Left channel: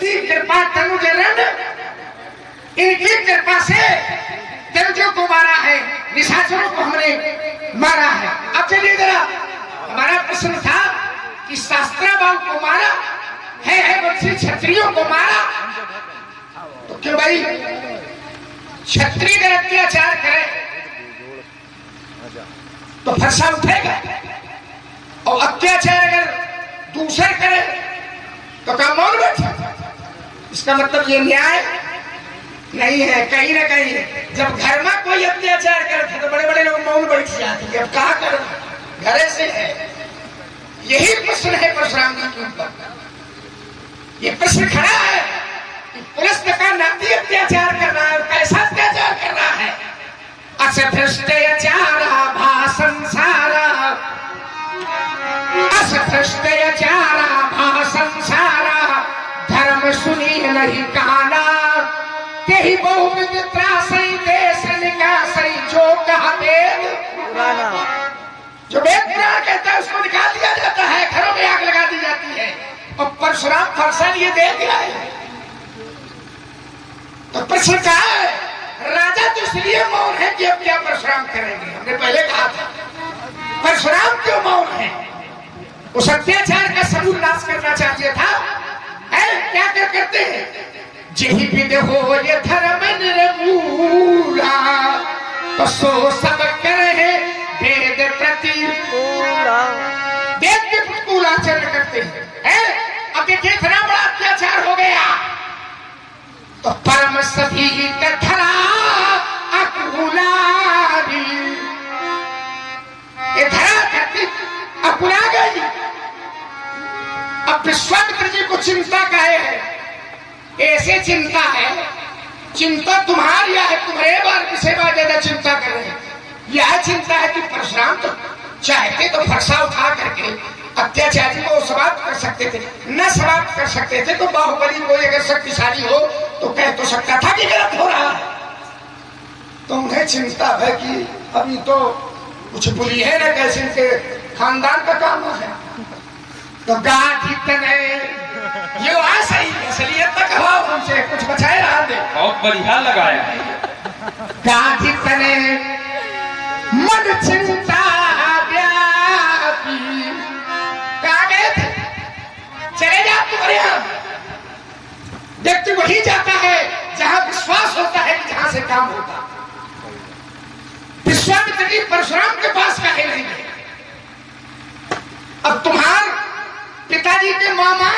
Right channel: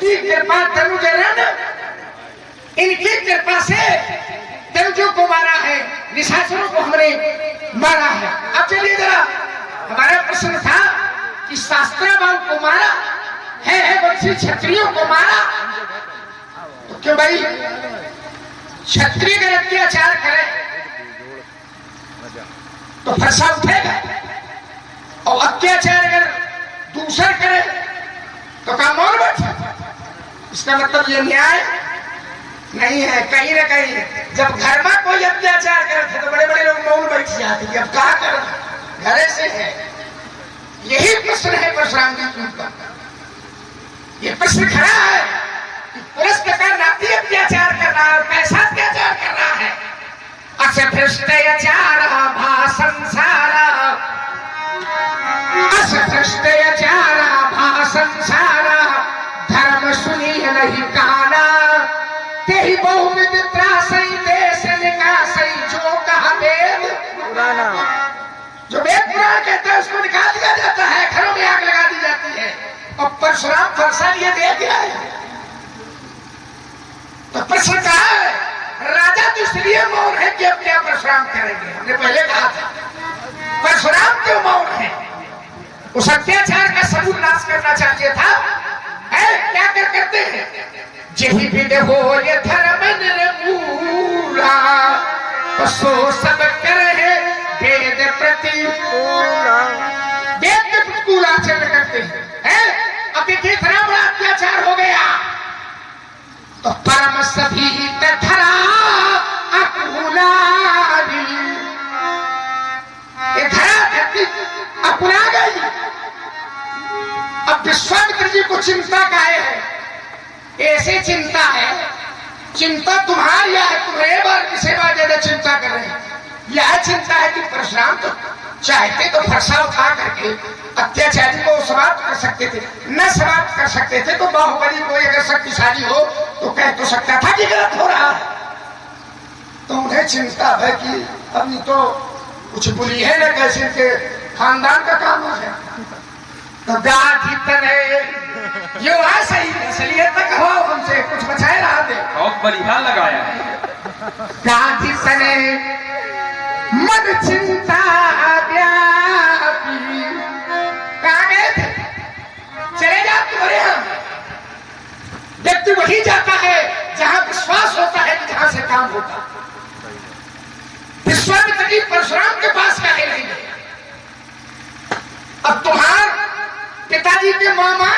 कृपा तनुजरण, इनकी कृपा से दर्जों को मारा है, निशाचरों को हमने मारा है। अब चलिए जरा, हमारा प्रश्न था कि शास्त्राबाहु को मारा है वंशी क्षत्रियों को मारा, तो क्यों भाई क्षत्रिय अगर अत्याचार करे तो फरसा उठेगा, और अत्याचार अगर दूसरा करे तो काम और बैठा। इसका मतलब ये न्याय नहीं है। कहीं ना कहीं जब घर में कोई अत्याचार करे थे तो बड़े बड़े लोग मौन बैठ जाते हैं, अब कहा कर घरे से है। यही प्रश्न है परशुराम जी के ऊपर। ये प्रश्न खड़ा है कि पुलस्त का नाती अत्याचार कर रहा है, कैसा अत्याचार कर रहा है। असभ्रष्टाचार भासंसारा, असभ्रष्टाचार भासंसारा, धर्म सुनी नहीं काला, तेहि बहुविध त्रासई देश निकासई, जो कहा वेद पुराना। जो वेद पुराना कहता है उसको निकाल दिया जाता है, घरों में आग लगा दी जाती है। और परशुराम फरसा लिए दे दिया है। तो प्रश्न कहा है, राजा तो इसलिए मौन है कि अब क्या परशुराम करेंगे। हमने पहले कहा था परशुराम क्यों मौन है। उस अत्याचार का सबूत नाश करना चाहिए था, है क्या करते हैं। जही विद हो ये धर्म निर्मूला, पसो सब करे वेद प्रतिकूला, वेद के प्रतिकूल आचरण करते हैं। अब देखिए इतना बड़ा अत्याचार हो गया तो परम सभी धरा अकुला, ये धरा धरती अकुला गई। अब विश्वामित्र जी को चिंता का है, ऐसे चिंता है, चिंता तुम्हारी है, तुम्हारे बार की सेवा ज्यादा चिंता कर रहे हैं। यह चिंता है कि परशुराम तो चाहते तो फरसा उठा करके अत्याचारी को समाप्त कर सकते थे, न समाप्त कर सकते थे तो बाहुबली कोई अगर शक्तिशाली हो तो कह तो सकता था कि गलत हो रहा है। तो उन्हें चिंता है कि अभी तो कुछ बुरी है ना, कैसे के खानदान का काम है। तो गाधी तने ये सही असलियत तक हो, हमसे कुछ बचाए रहा दे। बहुत बढ़िया लगाया। गाधी तने मन चिंता व्यापी, कहाँ गए थे, चले जा तुम्हारे यहाँ। व्यक्ति वही जाता है जहां विश्वास होता है, जहां से काम होता है। विश्वामित्र जी परशुराम के पास कहे नहीं गए। अब तुम्हार पिताजी के मामा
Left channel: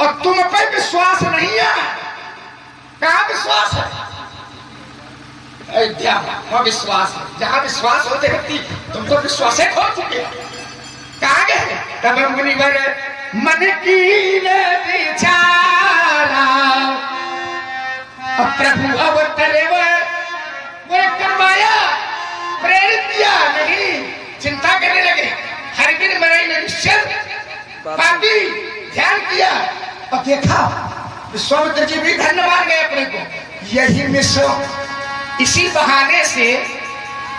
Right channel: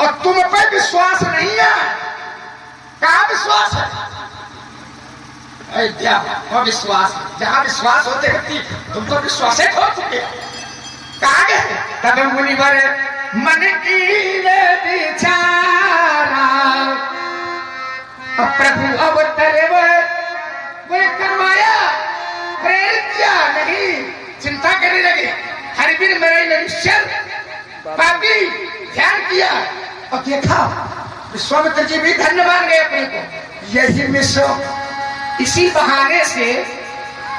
और तुम पे विश्वास नहीं है, कहां विश्वास है। अयोध्या विश्वास है, जहां विश्वास होते रहती तुम तो विश्वास खो चुके। कहां गए तब मुनिवर मन की विचारा, प्रभु अवतरे बोले करवाया, प्रेरित किया नहीं, चिंता करने लगे। हर बिन मरे निश्चल बाकी ध्यान किया और देखा विश्वामित्र जी भी धन्य मान गए अपने को। यही मिश्र इसी बहाने से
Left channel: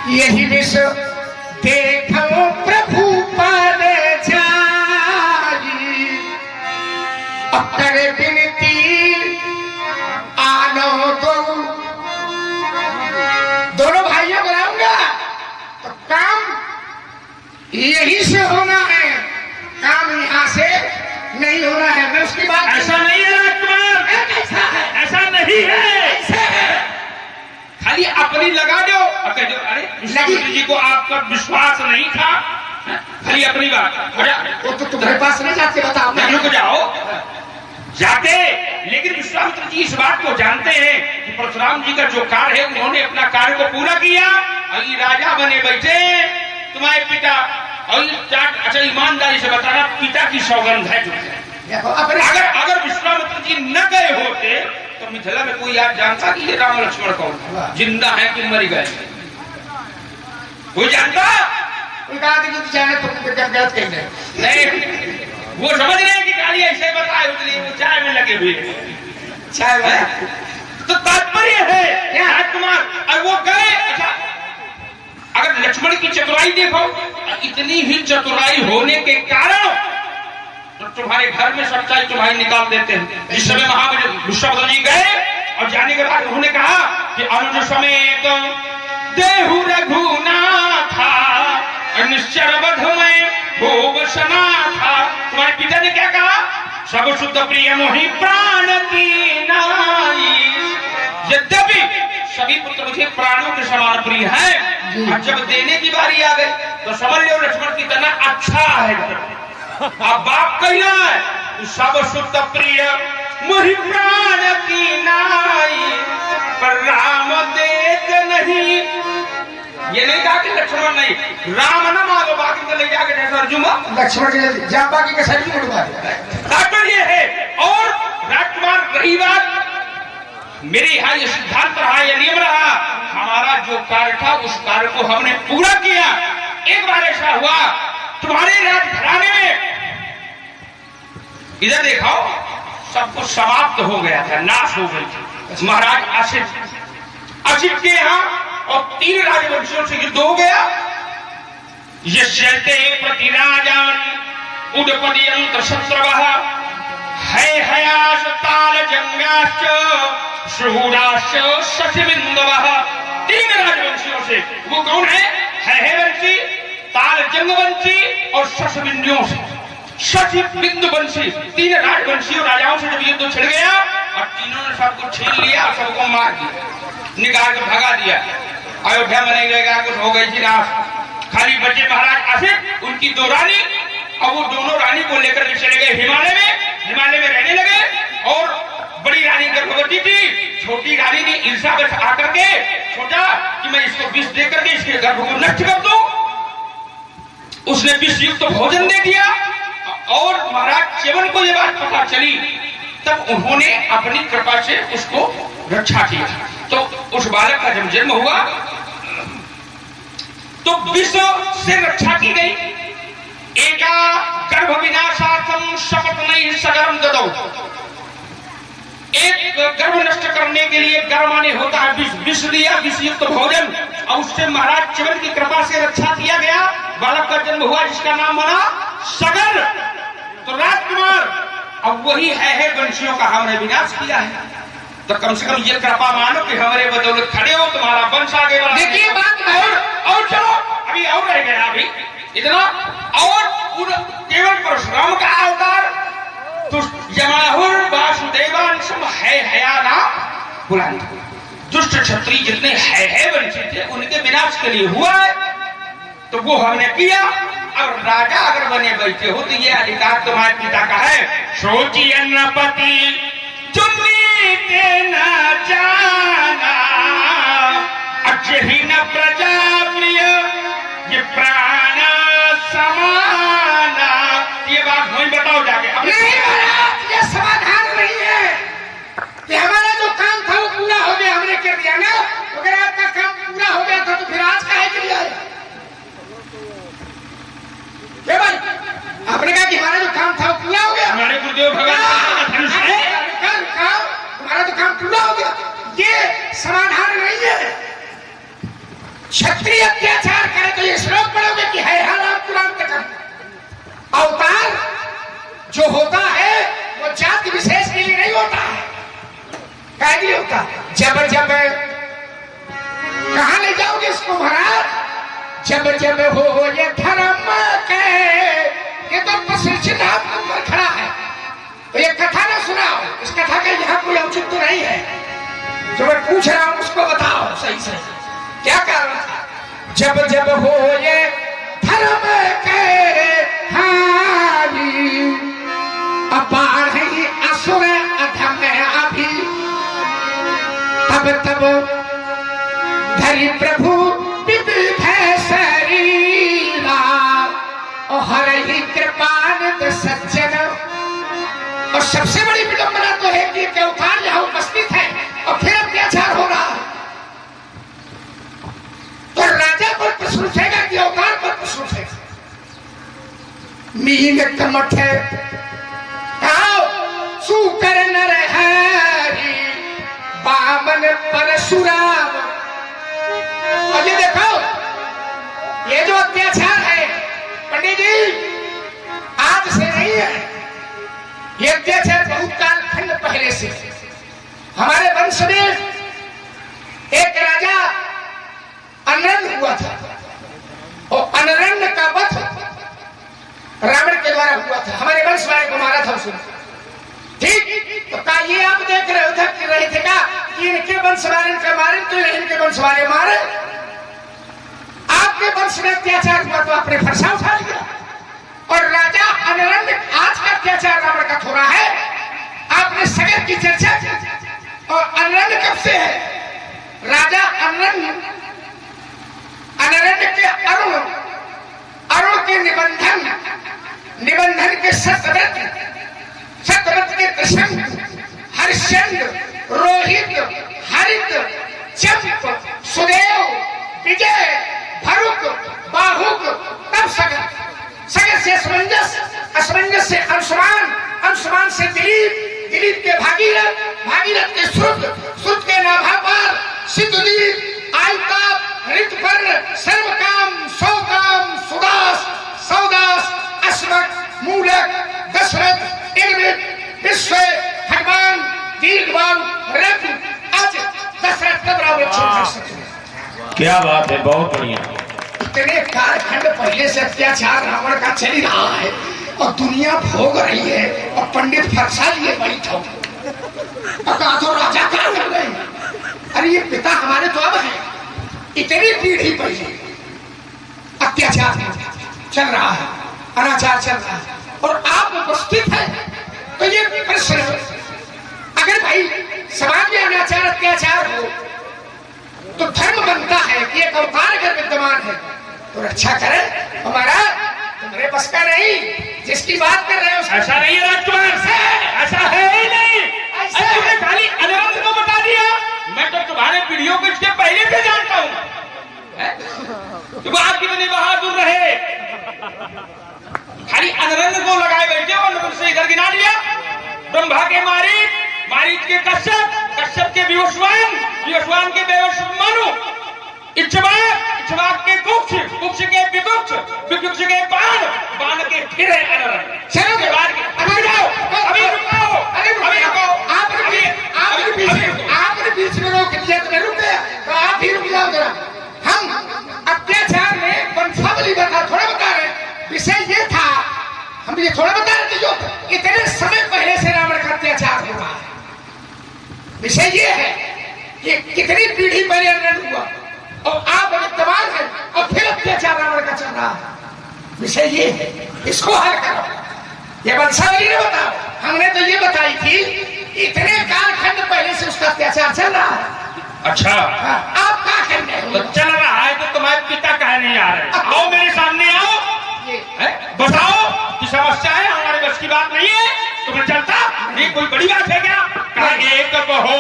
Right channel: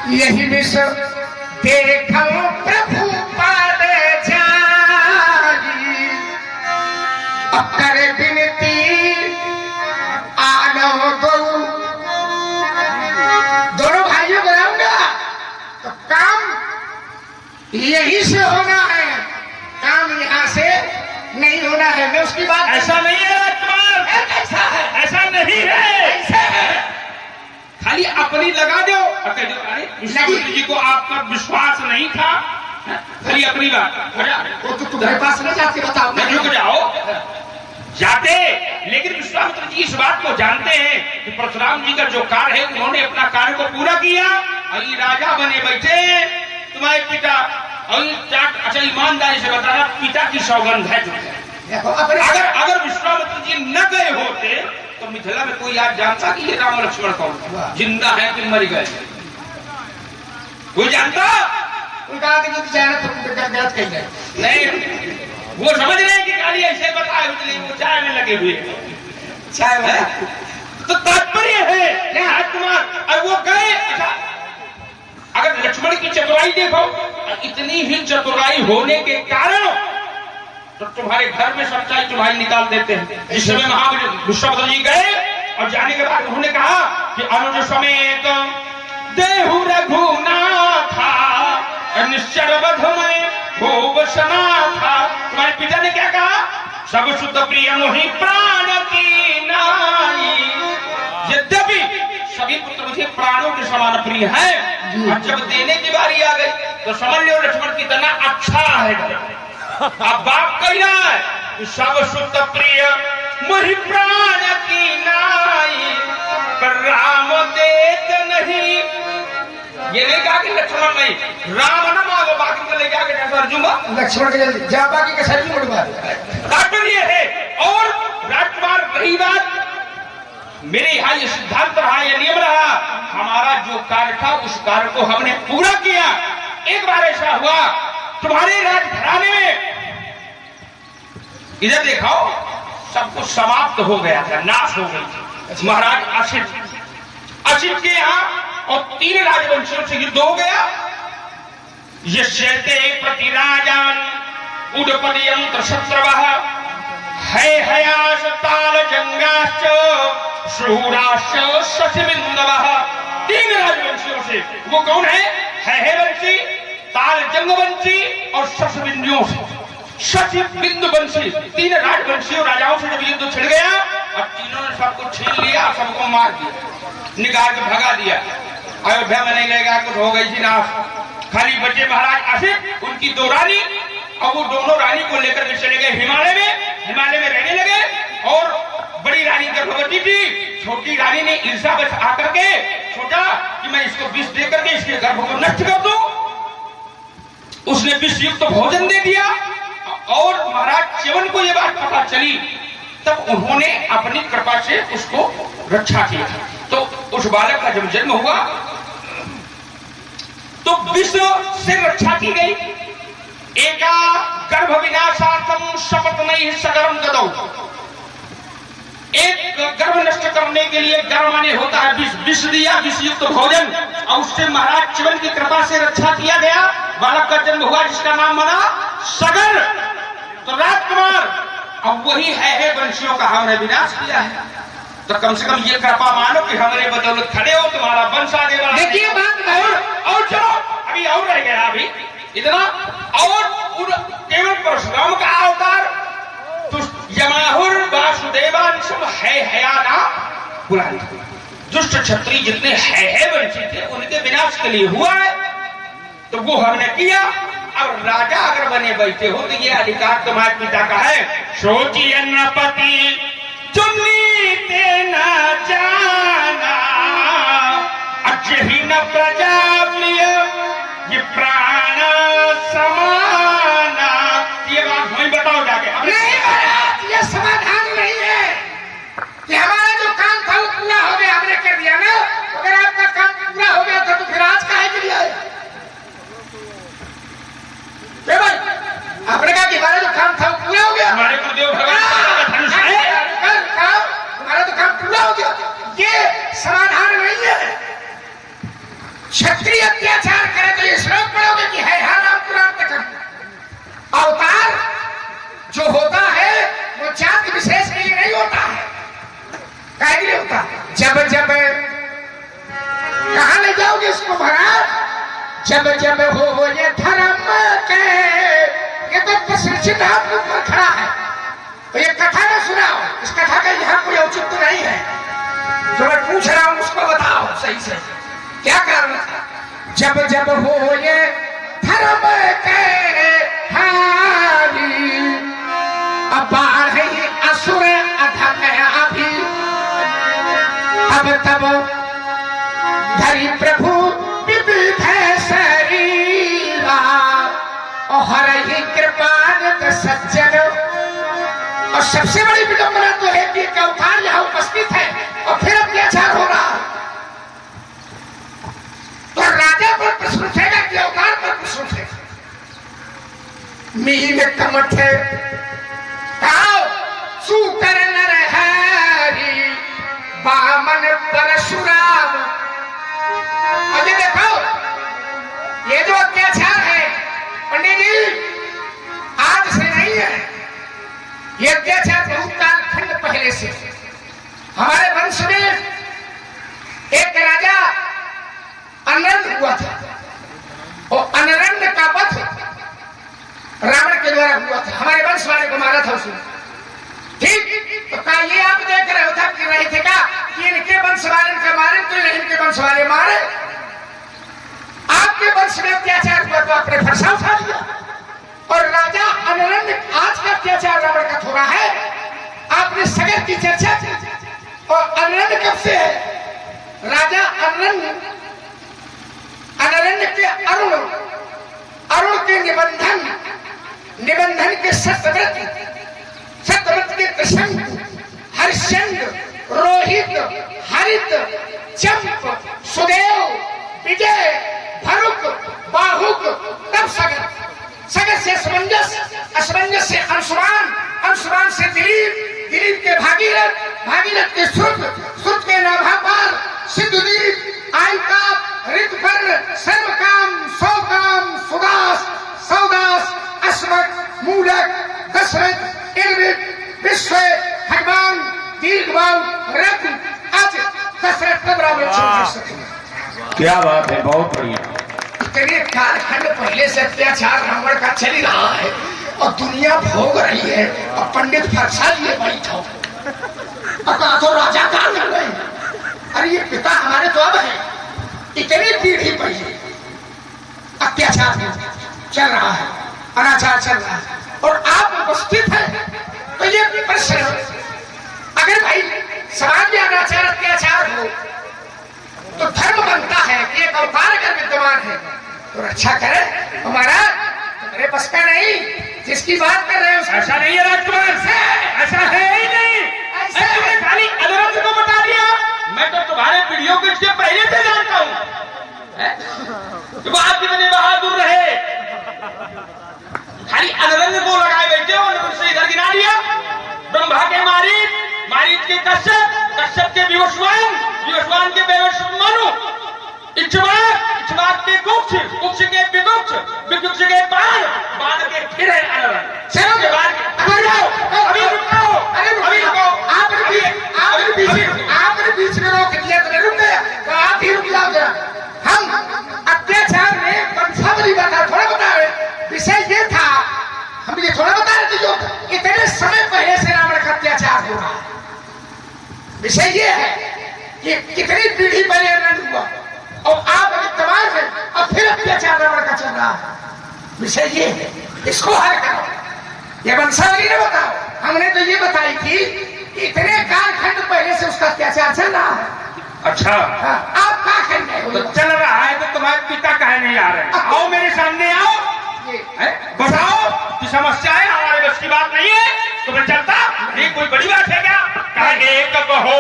यही मिश्र देखो प्रभु पद जाई, करे विनती आनो दो। दोनों भाइयों को लाऊंगा तो काम यही से होना है, काम यहाँ से नहीं होना है। मैं उसकी बात ऐसा नहीं है राजकुमार, कैसा है, ऐसा नहीं है, ऐसा है। खाली अपनी लगा दो। अरे विश्वामित्र जी को आप पर विश्वास नहीं था, खाली अपनी बात। वो तो तुम्हारे पास नहीं जाते, बताओ। नहीं रुक जाओ, जाते, लेकिन विश्वामित्र जी इस बात को जानते हैं कि परशुराम जी का जो कार्य है उन्होंने अपना कार्य को पूरा किया और ये राजा बने बैठे तुम्हारे पिता। और अच्छा ईमानदारी से बता रहा, पिता की सौगंध है जो अगर विश्वामित्र जी न गए होते तो मिथिला में कोई आज जानता कि ये राम लक्ष्मण कौन, जिंदा है कि मर गए, कोई जानता। उनका जाने तो गलत कही नहीं, वो समझ रहे हैं कि काली ऐसे बताए, इसलिए वो चाय में लगे हुए चाय है। तो तात्पर्य है क्या राजकुमार, और वो गए। अच्छा अगर लक्ष्मण की चतुराई देखो, इतनी ही चतुराई होने के कारण तो तुम्हारे घर में सच्चाई तुम्हारी निकाल देते हैं। इस समय महावीर विश्वामित्र जी गए और जाने के बाद उन्होंने कहा कि अनुज समेत देहु रघुनाथा निश्चर वध में भोग सना था। तुम्हारे पिता ने क्या कहा? सब शुद्ध प्रिय मोहि प्राण की नाई। यद्यपि सभी पुत्र मुझे प्राणों के समान प्रिय है, अब जब देने की बारी आ गई तो समझ लो लक्ष्मण कितना अच्छा है। अब बाप कहना है सब शुद्ध प्रिय मोहि प्राण की नाई, पर राम देत नहीं। ये नहीं कहा कि लक्ष्मण नहीं, राम न मांगो, बाकी तो ले जाके अर्जुन लक्ष्मण के जा बाकी का सर मुड़वा। तात्पर्य ये है। और राजकुमार रही बात, मेरे यहाँ ये सिद्धांत रहा, ये नियम रहा, हमारा जो कार्य था उस कार्य को हमने पूरा किया। एक बार ऐसा हुआ तुम्हारे राजघराने में, इधर देखो सब कुछ समाप्त हो गया था, नाश हो गई थी। महाराज असित के यहाँ और 3 राजवंशियों से युद्ध हो गया। ये चलते प्रतिराजान उडपदियंत शत्रवः है हयास ताल जंगाश्च शूराश्च शशिबिंदवः। 3 राजवंशियों से, वो कौन है वंशी, ताल जंगवंशी और शशबिंदुओं से, शशिबिंदु वंशी। 3 राजवंशियों राजाओं से जब युद्ध छिड़ गया और तीनों ने सबको छीन लिया, सबको मार दिया, निकाल के भगा दिया। अयोध्या में नहीं रहेगा, कुछ हो गई थी नाश। खाली बचे महाराज असित, उनकी 2 रानी, और वो दोनों रानी को लेकर के चले गए हिमालय में रहने लगे। और बड़ी रानी गर्भवती थी, छोटी रानी ने ईर्ष्या में आकर के सोचा कि मैं इसको विष दे करके इसके गर्भ को नष्ट कर दूं। उसने विष युक्त भोजन दे दिया और महाराज च्यवन को यह बात पता चली, तब उन्होंने अपनी कृपा से उसको रक्षा किया। तो उस बालक का जब जन्म हुआ तो विष से रक्षा की गई। एका गर्भ विनाशार्थम शपथ नहीं सगरम ददौ। एक गर्भ नष्ट करने के लिए गर्भ माने होता है विष दिया, विष युक्त भोजन, और उससे महाराज च्यवन की कृपा से रक्षा किया गया। बालक का जन्म हुआ जिसका नाम बना सगर। तो राजकुमार अब वही है वंशियों का हमने विनाश किया है, तो कम से कम ये कृपा मानो कि हमारे बदौलत खड़े हो, तुम्हारा वंश आगे बढ़ा। देखिए बात और चलो अभी और रह गया, अभी इतना और केवल परशुराम का अवतार तो जमाहुर वासुदेवांशम है हयाना बुलाना। दुष्ट क्षत्रिय जितने है वंशी थे उनके विनाश के लिए हुआ है, तो वो हमने किया। और राजा अगर बने बैठे हो तो ये अधिकार तुम्हारे पिता का है। सोची अन्नपति चुन्नीते न जाना, अजही न प्रजा प्रिय ये प्राण समाना। ये बात नहीं बताओ जाके। नहीं महाराज, ये समाधान नहीं है कि हमारा जो काम था वो पूरा हो गया, हमने कर दिया ना। अगर आपका काम पूरा हो गया था तो फिर आज काहे के लिए आए? भाई आपने कहा कि हमारा जो काम था वो पूरा हो गया, हमारे गुरुदेव भगवान हमारा तो काम पूरा हो गया। ये समाधान नहीं है। क्षत्रिय अत्याचार करे तो ये श्लोक पढ़ोगे कि है राम पुराण कथन। अवतार जो होता है वो जाति विशेष के लिए नहीं होता है, काहे के लिए होता है? जब जब कहां ले जाओगे इसको महाराज? जब जब हो ये धर्म के, ये तो प्रशिक्षित आपके ऊपर खड़ा है। तो ये कथा ना सुनाओ, इस कथा का यहाँ कोई औचित्य नहीं है। जो मैं पूछ रहा हूं उसको बताओ सही से, क्या कारण था? जब जब हो ये धर्म के हारी, बाढ़ असुर अधम अभी, तब तब धरी प्रभु विविध शरीरा, हर ही कृपान सज्जन। और सबसे बड़ी विडंबना तो है कि अवतार यहाँ उपस्थित है और फिर अत्याचार हो रहा है। तो राजा पर प्रश्न उठेगा कि अवतार पर प्रश्न उठेगा। मील कमठ सुकर नर हरि बामन परशुराम। और ये देखो, ये जो अत्याचार है पंडित जी आज से नहीं है, ये अत्याचार बहुत कालखंड पहले से हमारे वंश में एक राजा अनरण्य हुआ था और अनरण्य का वध रावण के द्वारा हुआ था। हमारे वंश वाले को मारा था उसने। ठीक, तो क्या ये आप देख रहे थे क्या कि इनके वंश वाले इनके मारे तो इनके वंश वाले मारे? आपके वंश में अत्याचार हुआ तो आपने फरसा उठा लिया। और राजा अनरण्य आज का अत्याचार रावण का थोड़ा है, आपने सगर की चर्चा की। और अनरण्य कब से है? राजा अनरण्य के अरुण के निबंधन के सत्यव्रत के प्रसंग हरिश्चंद्र, रोहित, हरित, चंप, सुदेव, विजय, भरुक, बाहुक, तब सगर से असमंजस से अंशुमान से दिलीप के भागीरथ के श्रुत के नाभापाल, सिद्धदीप, आयताप, ऋतपर्ण, सर्वकाम, सौकाम, सौदास, अस्मक, मूलक, दशरथ, इर्विद, विश्व, भगवान, दीर्घबाहु, रत्न, आज दशरथ तब रावण। क्या बात है, बहुत बढ़िया। इतने कालखंड पहले से अत्याचार रावण का चल रहा है और दुनिया भोग रही है और पंडित फरसा लिए बैठो तो राजा कहाँ कर गए? अरे ये पिता हमारे तो अब है। इतनी पीढ़ी पहले अत्याचार चल रहा है, अनाचार चल रहा है और आप उपस्थित है। तो ये प्रश्न, अगर भाई समाज में अनाचार अत्याचार हो तो धर्म बनता है कि एक अवतार अगर विद्यमान है तो रक्षा करे हमारा। तुम्हारे बस का नहीं, जिसकी बात कर रहे हो ऐसा नहीं है राजकुमार, ऐसा है ही नहीं। तुमने खाली अनरंग को बता दिया, मैं तो तुम्हारे पीढ़ियों को इसके पहले से जानता हूँ। तुम आप कितने बहादुर रहे, खाली अनरंग को लगाए बैठे हो। अनरंग से इधर गिना दिया, ब्रह्मा के मारीच के कश्यप के विवस्वान के बेवस्वानु, इक्ष्वाक के कुक्ष के विकुक्ष के बाण के फिर है अनरंग। चलो अभी रुको, आपने बीच में रोक दिया तो मैं रुक गया, तो आप ही रुक जाओ जरा। हम अत्याचार में वंशावली बता थोड़ा बता रहे, विषय ये था, हम ये थोड़ा बता रहे थे जो इतने समय पहले से रावण का अत्याचार हो रहा है। विषय ये है कि कितनी पीढ़ी पहले अनंत हुआ और आप विद्यमान है और फिर अत्याचार रावण का चल रहा है। विषय ये है, इसको हल करो। ये वंशावली ने बताओ, हमने तो ये बताई थी इतने कालखंड पहले से उसका अत्याचार चल रहा है। अच्छा, आप क्या कहने हो? तो चल रहा है तो तुम्हारे पिता कहे नहीं आ रहे? आओ मेरे सामने आओ, बताओ कि समस्याएं हमारे बस की बात नहीं है तो मैं चलता। ये कोई बड़ी बात है क्या? कहा एक कहो